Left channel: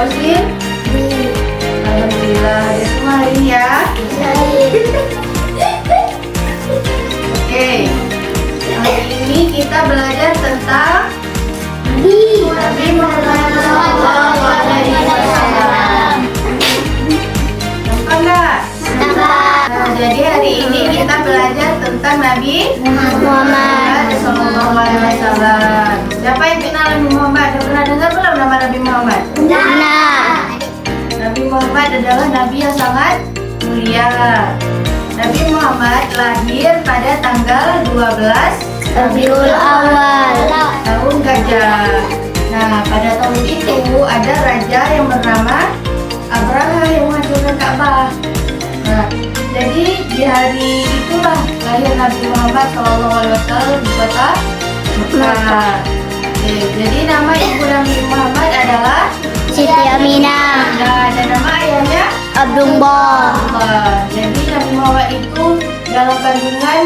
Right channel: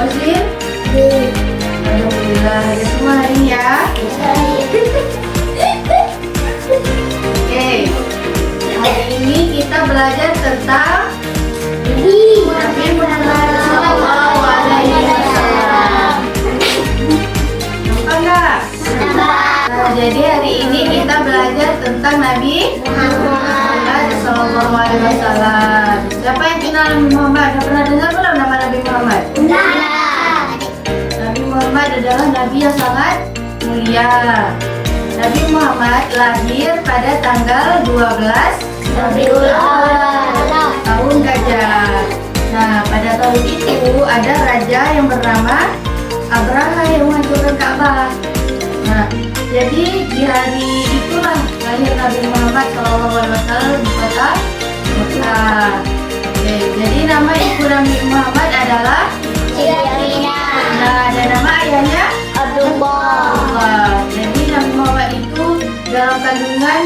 Osin? Alhamdulillah, ya semua hari ini ya. Oke, hari ini kita belajar tentang Nabi Muhammad Sallallahu Alaihi Wasallam. Nampak nggak? Nah, jadi hari ini kita belajar tentang Nabi Muhammad Sallallahu Alaihi Wasallam. Siapa yang kenal Nabi Muhammad? Ada pernah dengar belum nama Nabi Muhammad? Nabi Muhammad adalah Nabi yang sangat mulia. Nabi Muhammad lahir pada tanggal 12 Rabiul Awal tahun Gajah. Nah, pada tahun itu ada raja yang bernama Abraha yang menghancurkan Ka'bah. Nah, jadi di hari itulah lahir Nabi Muhammad SAW di kota Mekah. Oke, jadi nama ibu Nabi Muhammad adalah Siti Aminah. Nah, dan nama ayahnya Abdullah. Jadi Nabi Muhammad itu dalam kandungan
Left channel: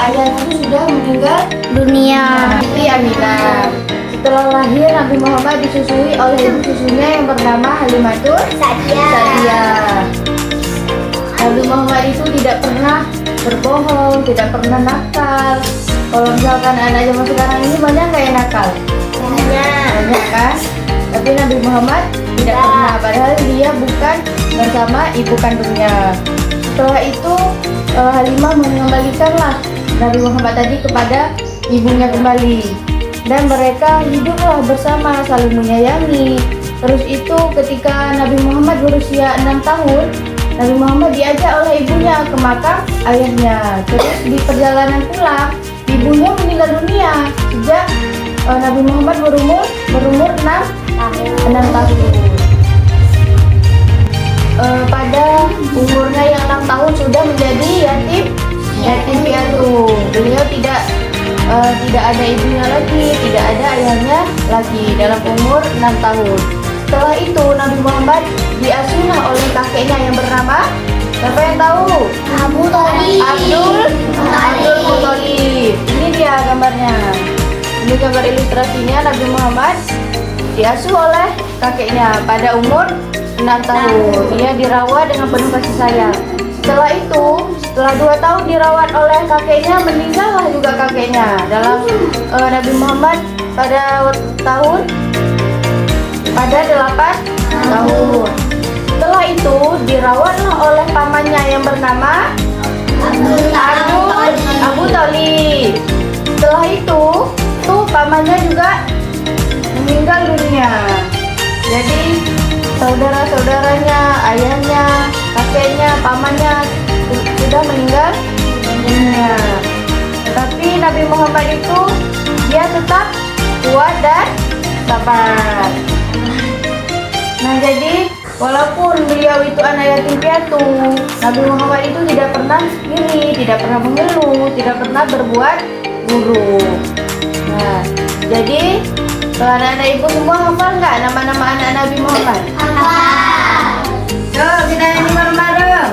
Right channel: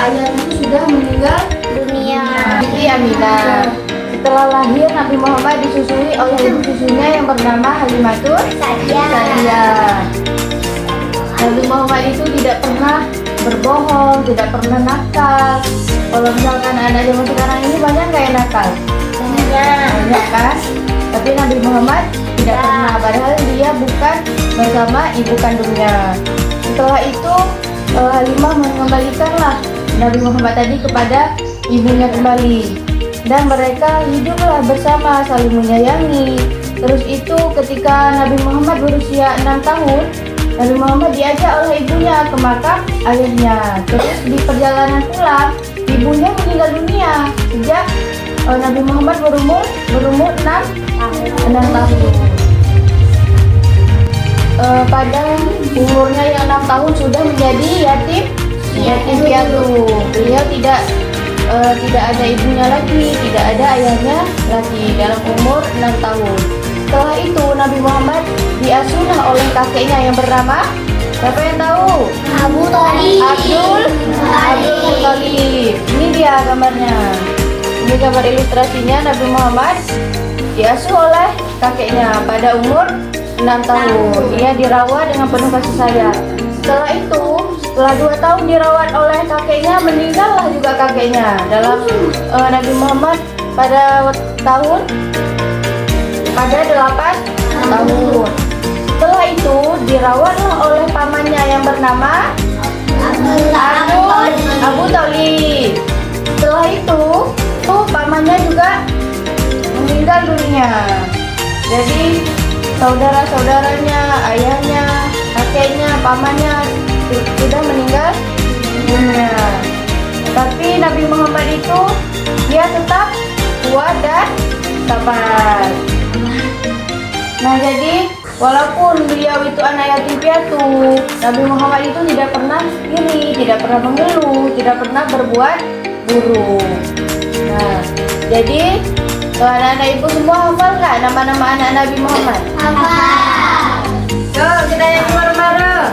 ayahnya itu sudah meninggal Dunia. Siti Aminah. Setelah lahir Nabi Muhammad disusui oleh ibu susunya yang bernama Halimatul Sa'diyah. Nabi Muhammad itu tidak pernah berbohong, tidak pernah nakal. Kalau misalkan anak zaman sekarang ini banyak nggak yang nakal? Banyak kan? Tapi Nabi Muhammad tidak pernah, padahal dia bukan bersama ibu kandungnya. Setelah itu Halimah mengembalikanlah Nabi Muhammad tadi kepada ibunya kembali, dan mereka hiduplah bersama saling menyayangi. Terus itu ketika Nabi Muhammad berusia 6 tahun, Nabi Muhammad diajak oleh ibunya ke makam ayahnya. Terus di perjalanan pulang, ibunya meninggal dunia sejak Nabi Muhammad berumur 6 tahun. Pada umurnya yang 6 tahun sudah menjadi yatim piatu. Beliau tidak ada ibunya lagi, tidak ada ayahnya lagi dalam umur 6 tahun. Setelah itu Nabi Muhammad diasuhlah oleh kakeknya yang bernama, siapa yang tahu? Abdul Muthalib. Ini dia gambarnya. Ini gambar ilustrasinya. Nabi Muhammad diasuh oleh kakeknya pada umur 6 tahun. Ia dirawat dengan penuh kasih sayang. Setelah itu, setelah 2 tahun dirawat oleh kakeknya, meninggallah juga kakeknya dalam Nabi Muhammad pada 8 tahun. Setelah itu dirawatlah oleh pamannya yang bernama Abu Thalib. Setelah itu pamannya juga meninggal dunia. Jadi saudara-saudaranya, ayahnya, kakeknya, pamannya sudah meninggal dunia. Tapi Nabi Muhammad itu dia tetap kuat dan sabar. Nah, jadi walaupun beliau itu anak yatim piatu, Nabi Muhammad itu tidak pernah iri, tidak pernah mengeluh, tidak pernah berbuat buruk. Nah, jadi anak-anak ibu semua hafal nggak nama-nama anak Nabi Muhammad? Hafal. Yuk kita nyanyi bareng-bareng.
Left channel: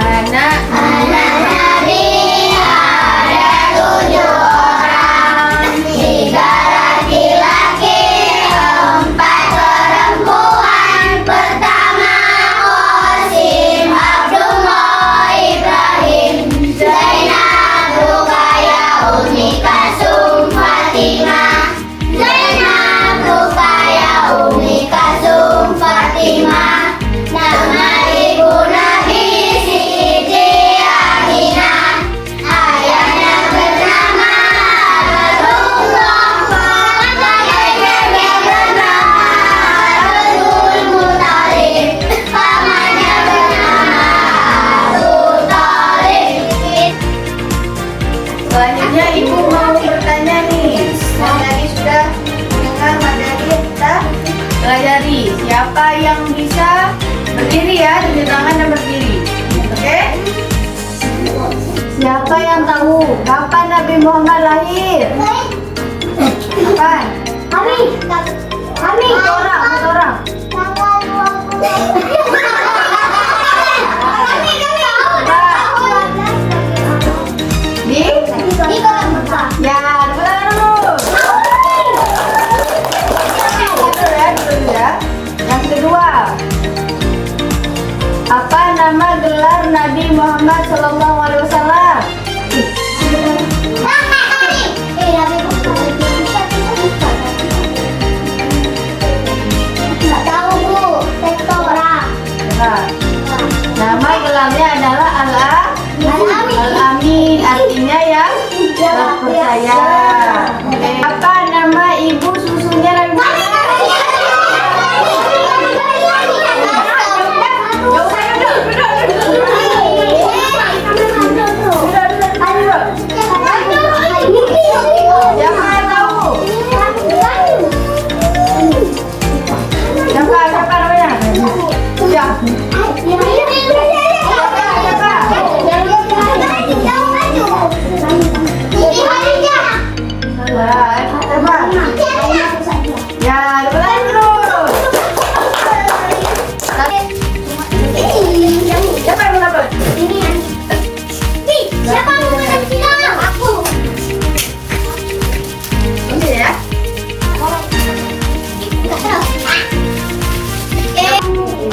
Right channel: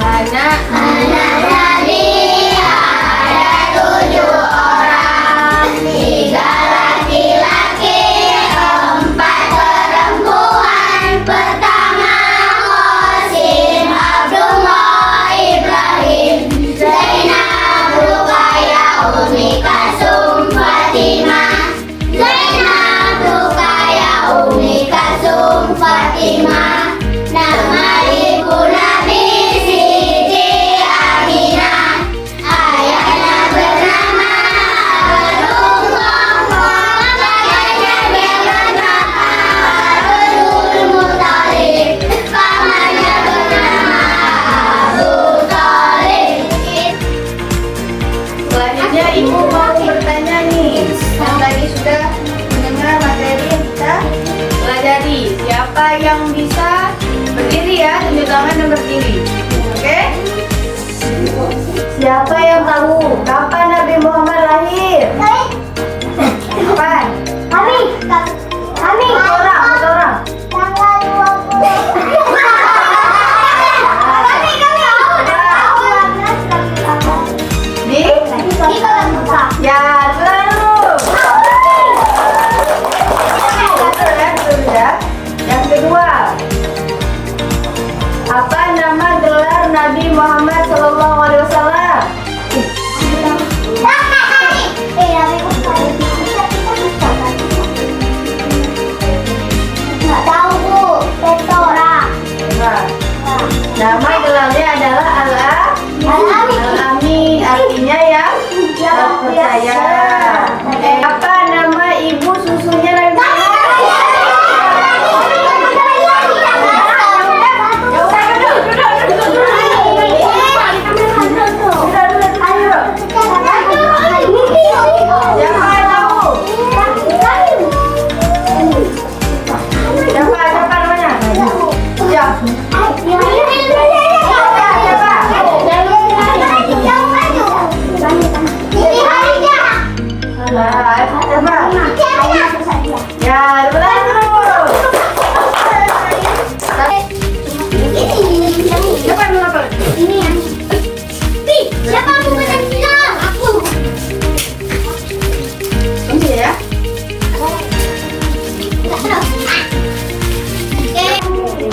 Anak Nabi ada 7 orang, 3 laki-laki, 4 perempuan. Pertama Qasim, Abdullah, Ibrahim, Zainab, Ruqayyah, Umi Kalsum, Fatimah. Zainab, Ruqayyah, Umi Kalsum, Fatimah. Nama ibu Nabi Siti Aminah. Ayahnya bernama Abdullah. Kakeknya bernama Abdul Muthalib. Pamannya bernama Abu Thalib. selanjutnya ibu mau bertanya nih. Yang tadi sudah mendengar materi yang kita pelajari. Siapa yang bisa berdiri ya, tunjuk tangan dan berdiri. Oke? Siapa yang tahu kapan Nabi Muhammad lahir? Kapan? Kami. Satu orang. Tanggal 20. Di? Ya, dulu. Dulu ya, dulu. Muhammad Sallallahu Alaihi Wasallam? Nah, nama gelarnya adalah Al-Amin, artinya yang terpercaya. Oke. Apa nama ibu susunya Nabi Siapa yang tahu? Siapa namanya? Ya, benar terus. Siapa yang mendapat? Ini ya.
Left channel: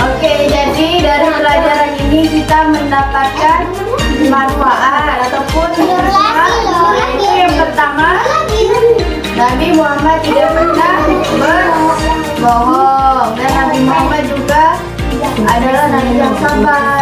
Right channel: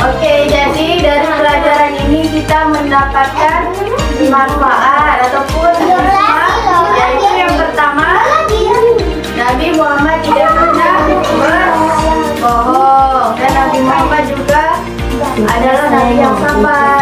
Oke, jadi dari pelajaran ini kita mendapatkan manfaat ataupun hikmah, yaitu yang pertama, Nabi Muhammad tidak pernah berbohong dan Nabi Muhammad juga adalah Nabi yang sabar.